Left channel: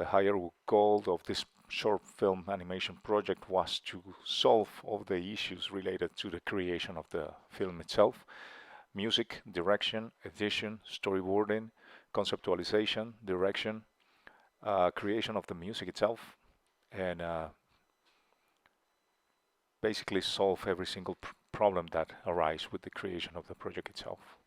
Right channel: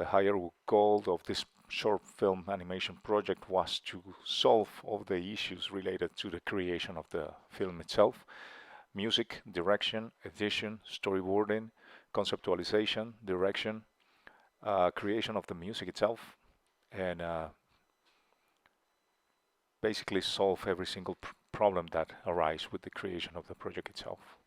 the higher goal of this short film animation project was to solve all the issues related to the creation of the film itself: music, direction, edition, storyboarding, conceptualization, direction, creation of the music itself, and basically solve every single problem that arises with the creation of the project itself.